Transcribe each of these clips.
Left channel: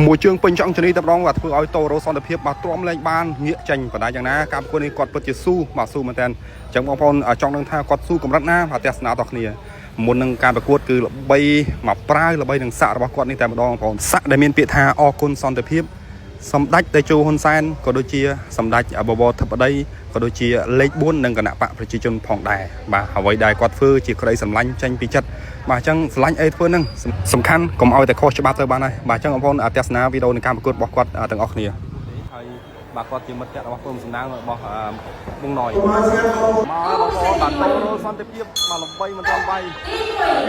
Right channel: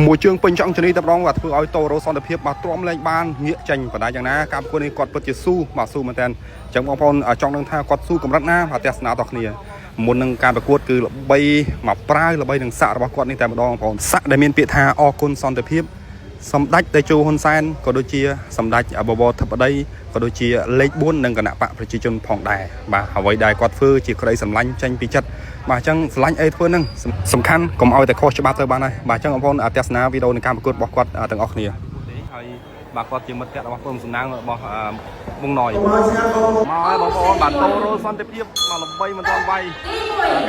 មួយជើងពេញចង់ជនីតែម្ដងបាទធ្វើឲ្យតូរ៉ូសន្តិភាពបាទទ្រាំលែងបានងាកចេញបណ្ដាយ៉ាងណាការប្រកួតនេះគាត់ពិតជាស៊ូបាទស៊ូមែនតើអញ្ចឹងបងប្អូនចង់ដឹងថាគាត់ស៊ូកម្រិតណាបាទទស្សនាតគ្នាមុននឹងការប្រកួតគឺល្បីមកប្រាវល្បីនឹងសាក់របស់គាត់នេះតែម្ដងបងប្អូនសាក់ដែលមានពាក្យថាអរគុណសន្តិភាពសម្ដេចតេជោហ៊ុនសែនក៏ដូចជាសម្ដេចបវរធិបតីក៏ដូចជាលេខ4និងគណៈបកប្រជាជនផងដែរបាទអ្វីដែលគាត់ធ្វើជាក្តីសម្លាញ់ចេញពីចិត្តបាទអញ្ចឹងស្រឡាញ់អីធ្វើហ្នឹងសំខាន់កុំឲ្យតែខុសច្បាប់ទៅបានហើយបាទអញ្ចឹងបងប្អូនទស្សនាវីដេអូនៃការប្រកួតរបស់គាត់ទាំងអស់គ្នាហើយបាទគាត់ជាមិត្តភក្តិរបស់ក្រុមសំណាងរបស់មុងណយមកហើយបងប្អូនបាទតូរ៉ូសន្តិភាពមកល្បីមិនទាន់បាយ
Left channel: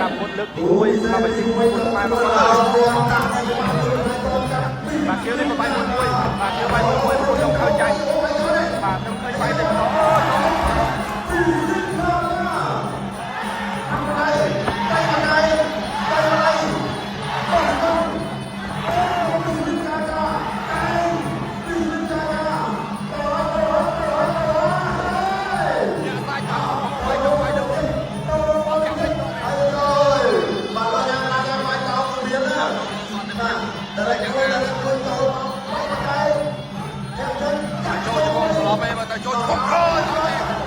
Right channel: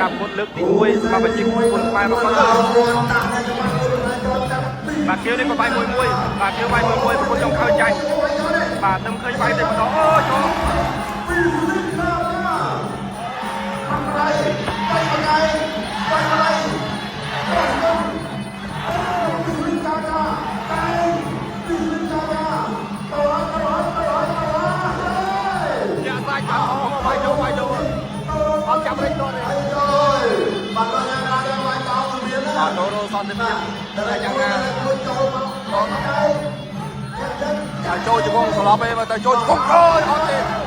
ការប្រកួតលើកទី1សម្រាប់ប្រជាពលរដ្ឋខ្មែររបស់គាត់បាទគៀវនេះក៏បាយមួយបាទគៀវបាយមួយប្រកួតចុងក្រោយចាញ់បាទនឹងឃើញបាយតែម្ដងអូចូលចូលជង្គង់ស្លាប់ឯងទៅចូលជង្គង់អើយអត់ទេស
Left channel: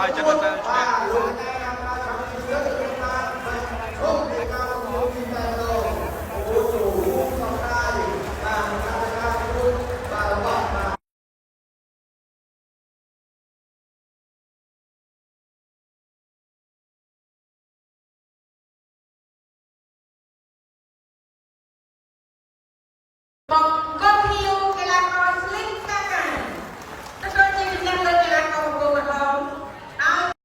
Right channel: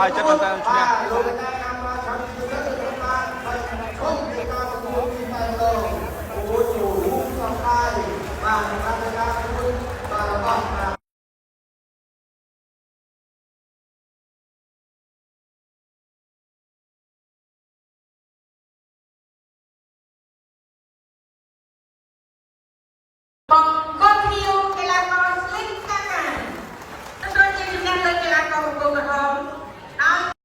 บายចិត្តមែនតើឈ្នះបង